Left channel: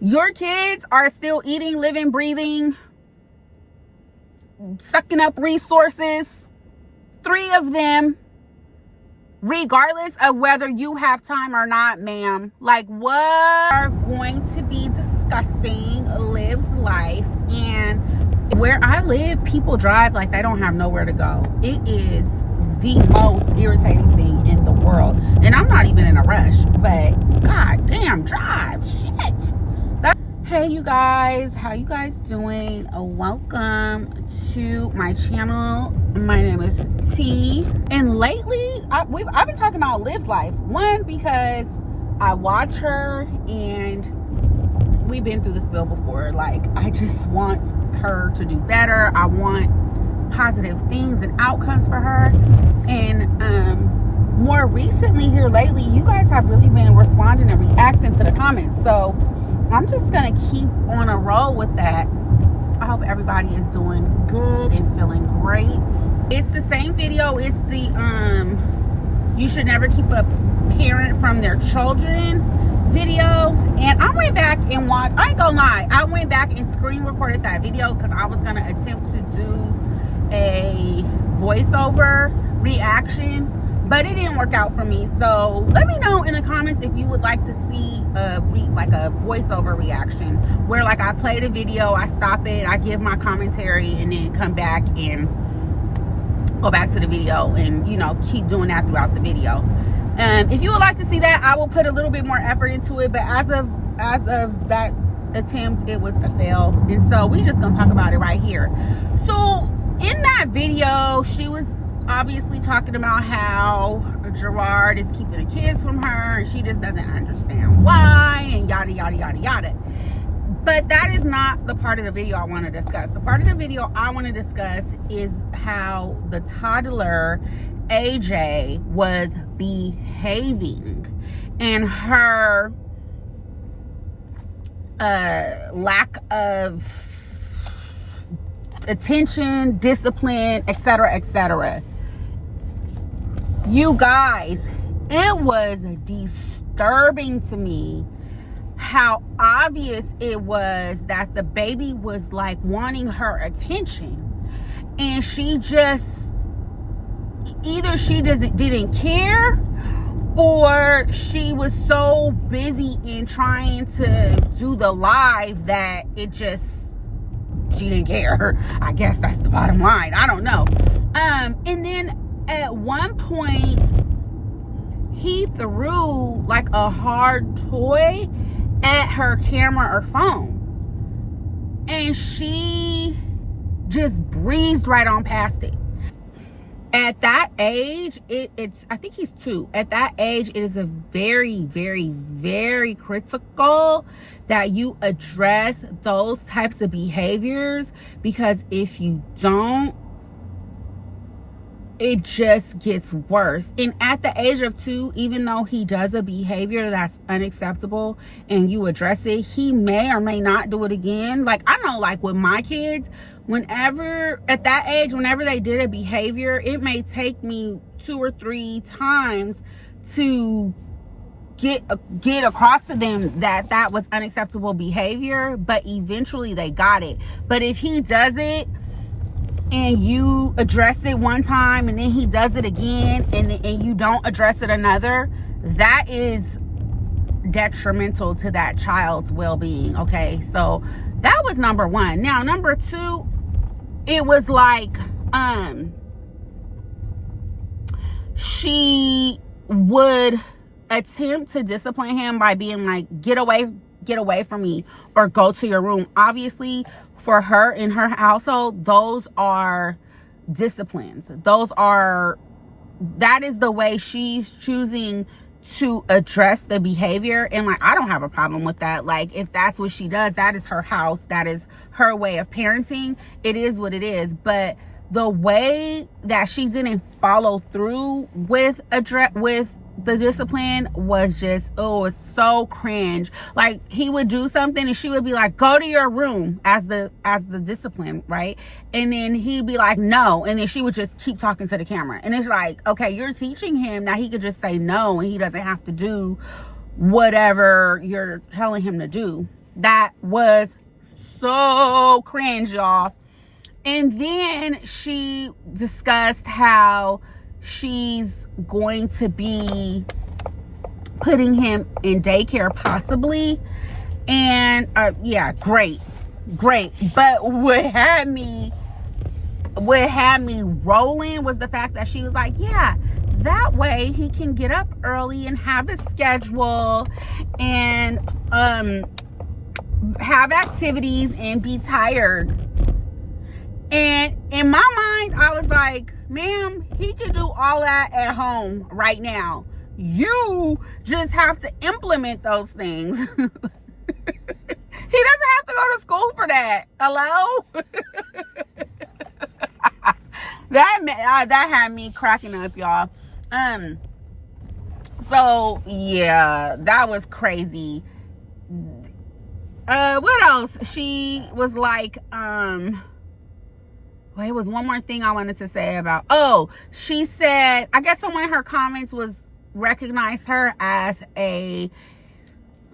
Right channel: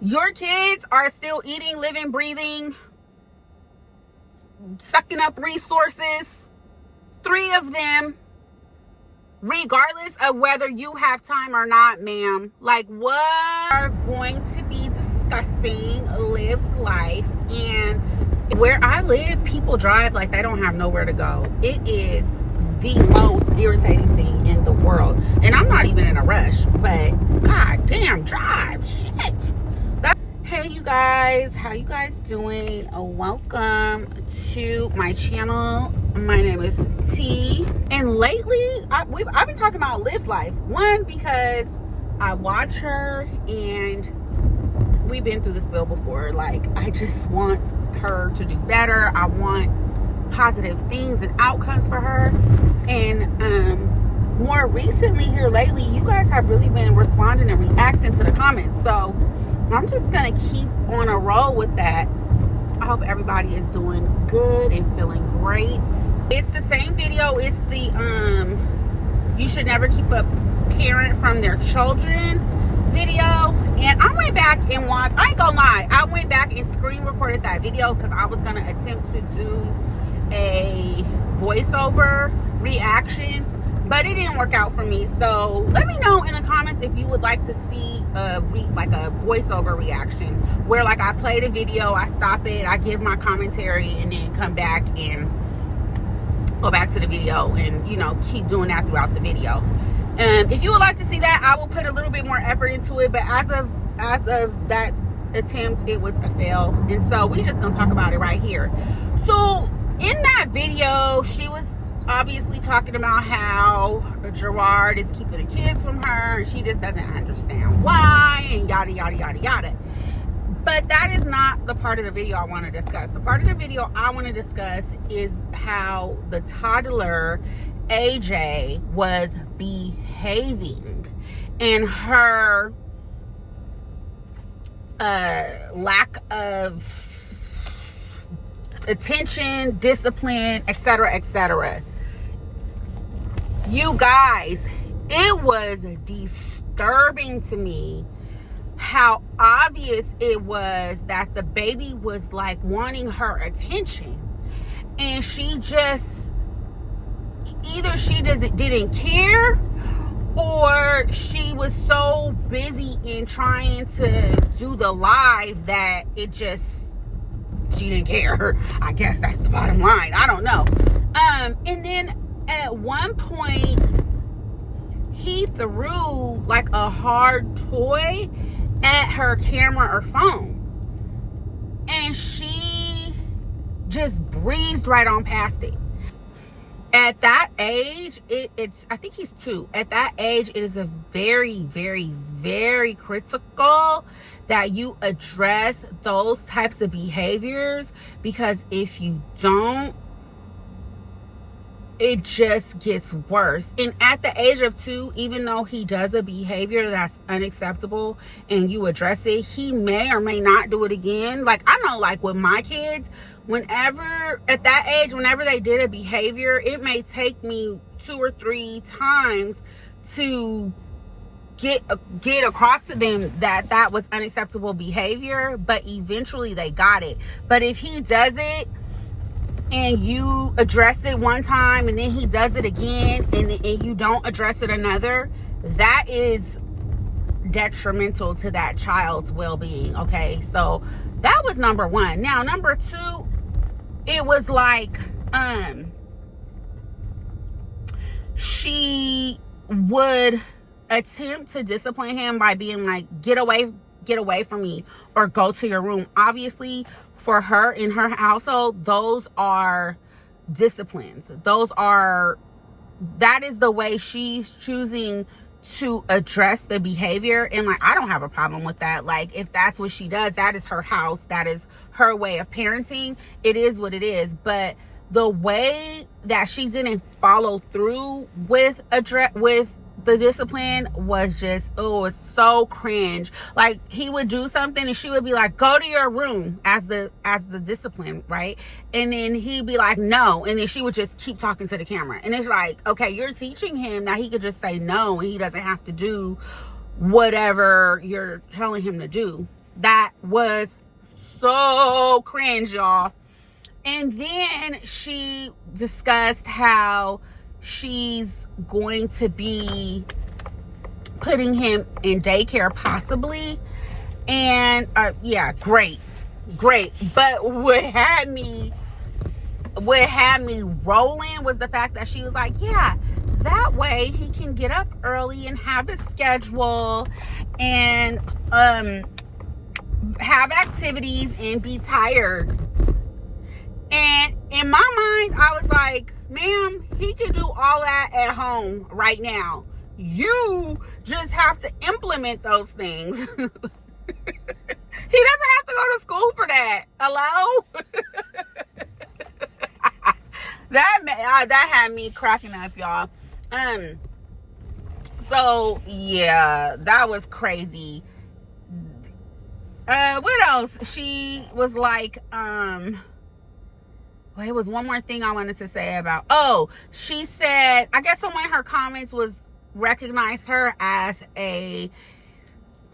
Your kids are still eating, living, breathing, sucking up resources. 3 of them, regardless of whether you have time or not, ma'am. Like, what are going to be discussing Liv's life. And where I live, people drive like they don't have nowhere to go. It is the most irritating thing in the world. And I'm not even in a rush, but god damn, drive. Shit. Hey you guys, how you guys doing? Welcome to my channel. My name is T, and lately I've been talking about Liv's life. One, because I watch her and we've been through this bill before. Like, I just want her to do better. I want positive things and outcomes for her. And more recently here lately, you guys have really been responding and reacting to the comments. So I'm just gonna keep on a roll with that. I hope everybody is doing good and feeling great. It's the same video. It's the you should never keep a parent from their children video. And I went back and watched, I ain't gonna lie, I went back and screen recorded that video because I was gonna attempt to do a voiceover reaction, but it didn't work out for me. So let me know in the comments if you would like to see a voiceover reaction where, like, I play the video, I stop it, I give my commentary, and then come back and go back to the video and, you know, keep doing that throughout the video. If you would like to see that, I will put a little bit more effort into it, but as of that attempt, it was a fail. And so we just gonna talk about it right here. So in that video, she was obviously talking about how Gerard is keeping the kids from her and she just doesn't understand why, and yada yada yada yada. But that is not the part of the video I want to discuss. The part of the video I want to discuss is how the toddler AJ was behaving and her lack of attention, discipline, etc., etc. You guys, it was disturbing to me how obvious it was that the baby was like wanting her attention, and she just either she didn't care, or she was so busy in trying to do the live that it just, she didn't care. I guess that's the bottom line. I don't know. And then at one point he threw like a hard toy at her camera or phone, and she just breezed right on past it. At that age, it's I think he's 2. At that age, it is a very, very, very critical that you address those types of behaviors, because if you don't, it just gets worse. And at the age of 2, even though he does a behavior that's unacceptable and you address it, he may or may not do it again. Like, I know, like with my kids, whenever at that age, whenever they did a behavior, it may take me 2 or 3 times to get across to them that that was unacceptable behavior, but eventually they got it. But if he does it and you address it one time and then he does it again and you don't address it another, that is detrimental to that child's well-being. Okay, so that was number 1. Now number 2, it was like she would attempt to discipline him by being like, get away from me, or go to your room. Obviously for her in her household, those are disciplines. That is the way she's choosing to address the behavior. And like, I don't have a problem with that. Like, if that's what she does, that is her house, that is her way of parenting. It is what it is. But the way that she didn't follow through with the discipline was just, oh, it's so cringe. Like, he would do something and she would be like, go to your room, as the discipline, right? And then he'd be like, no, and then she would just keep talking to the camera. And it's like, okay, you're teaching him that he could just say no and he doesn't have to do whatever you're telling him to do. That was so cringe, y'all. And then she discussed how she's going to be putting him in daycare possibly. And yeah, great. But what had me rolling was the fact that she was like, yeah, that way he can get up early and have his schedule and have activities and be tired. And in my mind, I was like, ma'am, he can do all that at home right now. You just have to implement those things. He doesn't have to go to school for that. Hello? That had me cracking up, y'all. So yeah, that was crazy. What else? She was like, well, it was one more thing I wanted to say about. Oh, she said, I guess someone in her comments recognized her as a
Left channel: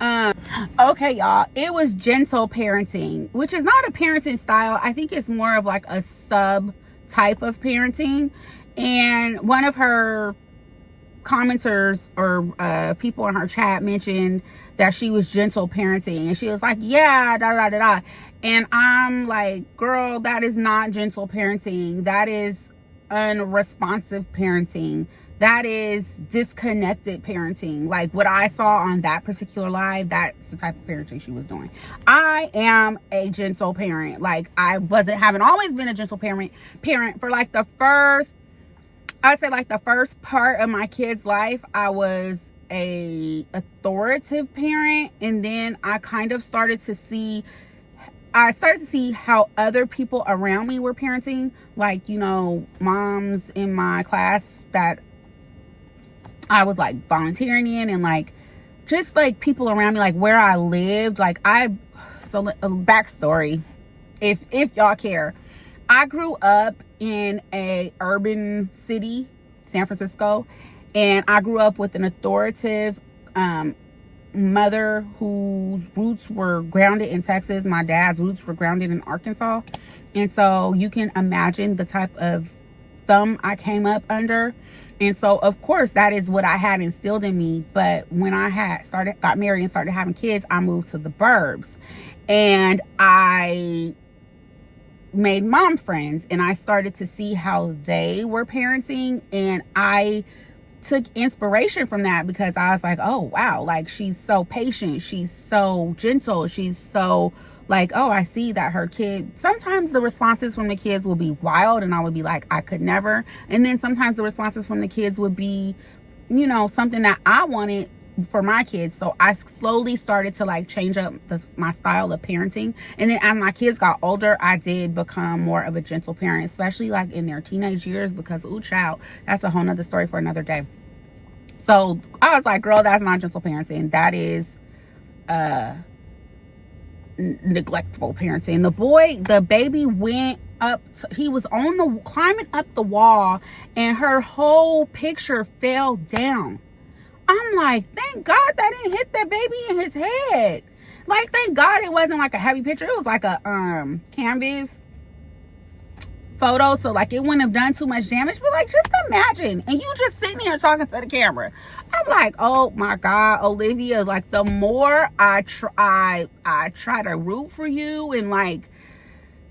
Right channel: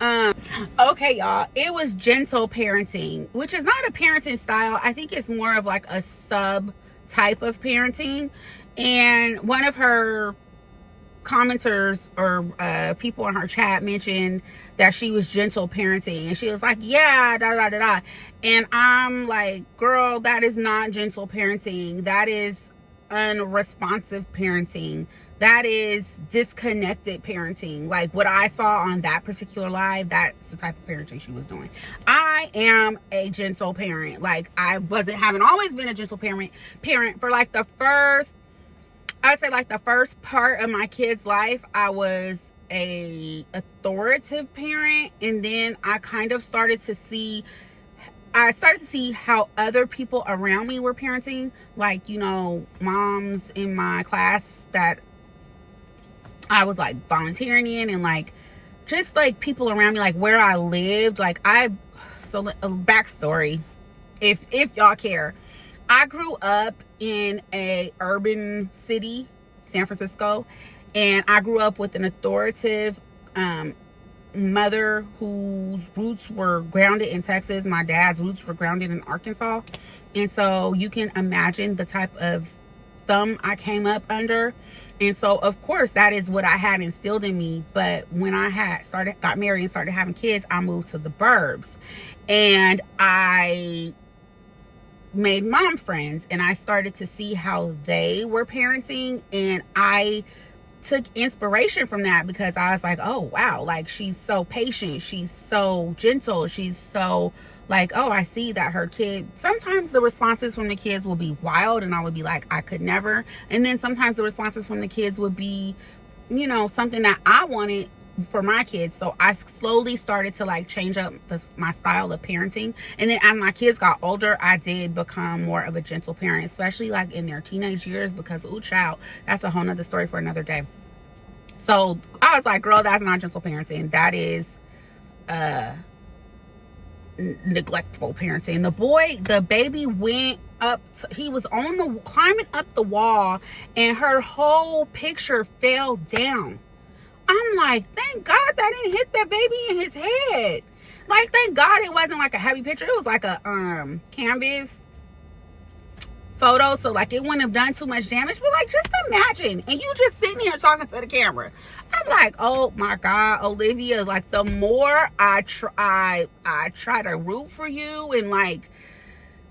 okay, y'all, it was gentle parenting, which is not a parenting style. I think it's more of like a sub type of parenting. And one of her commenters or people in her chat mentioned that she was gentle parenting, and she was like, yeah, da da da da. And I'm like, girl, that is not gentle parenting. That is unresponsive parenting. That is disconnected parenting. Like what I saw on that particular live, that's the type of parenting she was doing. I am a gentle parent. Like I haven't always been a gentle parent for like the first part of my kid's life. I was a authoritative parent, and then I kind of started to see how other people around me were parenting. Like, you know, moms in my class that I was like volunteering in, and like just like people around me, like where I lived. Like a backstory, if y'all care. I grew up in a urban city, San Francisco, and I grew up with an authoritative mother whose roots were grounded in Texas. My dad's roots were grounded in Arkansas. And so you can imagine the type of thumb I came up under. And so of course that is what I had instilled in me. But when I got married and started having kids, I moved to the burbs, and I made mom friends, and I started to see how they were parenting, and I took inspiration from that, because I was like, oh wow, like she's so patient, she's so gentle, she's so like, oh, I see that her kid, sometimes the responses from the kids will be wild, and I would be like, I could never. And then sometimes the responses from the kids would be, you know, something that I wanted for my kids. So I slowly started to like change up my style of parenting. And then as my kids got older, I did become more of a gentle parent, especially like in their teenage years, because ooh child, that's a whole nother story for another day. So I was like, girl, that's not gentle parenting. That is neglectful parenting. The baby went up he was climbing up the wall, and her whole picture fell down. I'm like, thank God that didn't hit that baby in his head. Like, thank God it wasn't like a heavy picture. It was like a canvas photo, so like it wouldn't have done too much damage. But like, just imagine, and you just sitting here talking to the camera. I'm like, oh my God, Olivia, like the more I try to root for you, and like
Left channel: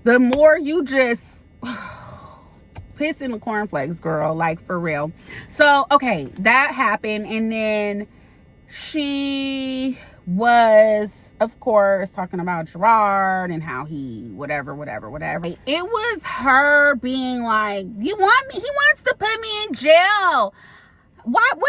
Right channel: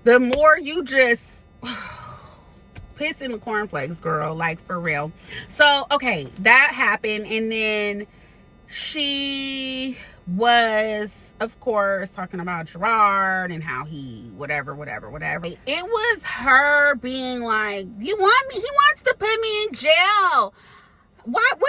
the more you just piss in the cornflakes, girl, like for real. So okay, that happened, and then she was of course talking about Gerard and how he whatever. It was her being like, he wants to put me in jail. What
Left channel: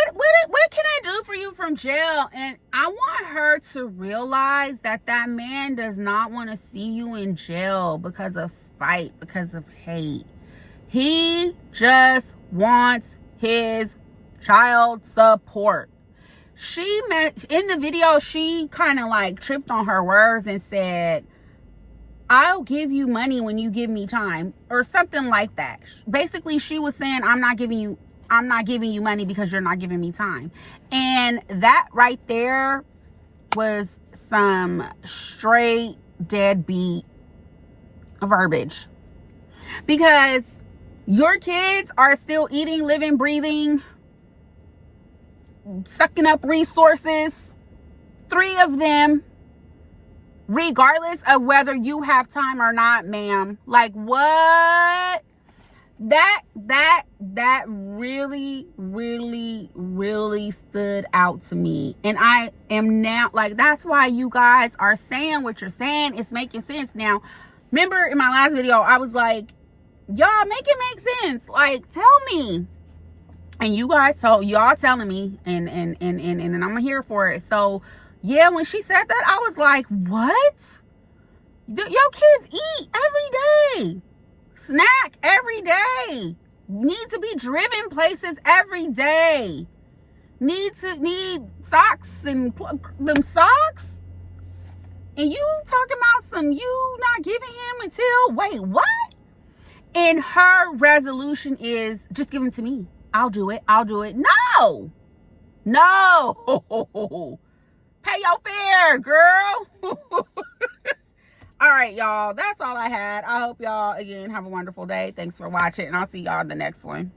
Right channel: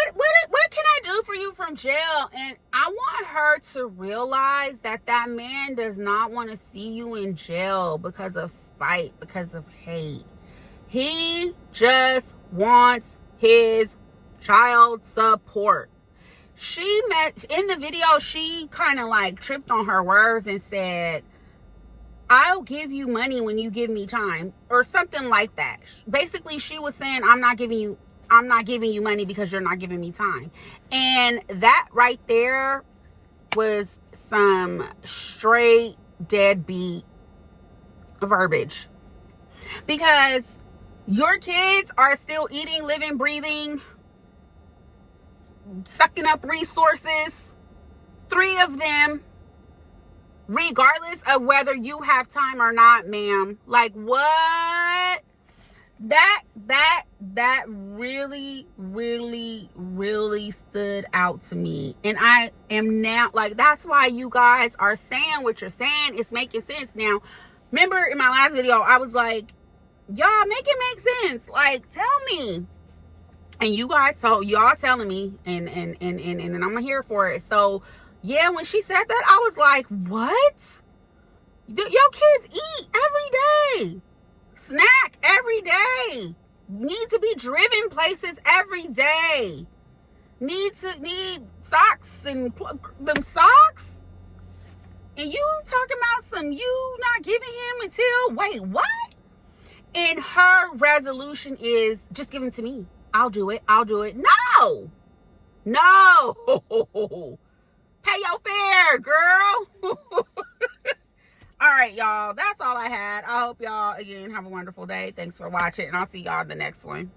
can I do for you from jail? And I want her to realize that man does not want to see you in jail because of spite, because of hate. He just wants his child support. In the video, she kind of like tripped on her words and said, I'll give you money when you give me time, or something like that. Basically, she was saying, I'm not giving you money because you're not giving me time. And that right there was some straight deadbeat verbiage, because your kids are still eating, living, breathing, sucking up resources, 3 of them, regardless of whether you have time or not, ma'am. Like, what? That really, really, really stood out to me. And I am now, like, that's why you guys are saying what you're saying. It's making sense now. Remember in my last video, I was like, y'all, make it make sense. Like, tell me. And you guys told, y'all telling me, and I'm here for it. So yeah, when she said that, I was like, what? Your kids eat every day, snack every day, need to be driven places every day, need socks and them socks, and you talking about some you not giving him until, wait, what? And her resolution is, just give them to me. I'll do it. No. Pay your fare, girl. All right, y'all. That's all I had. I hope y'all, again, have a wonderful day. Thanks for watching, and I'll see y'all in the next one.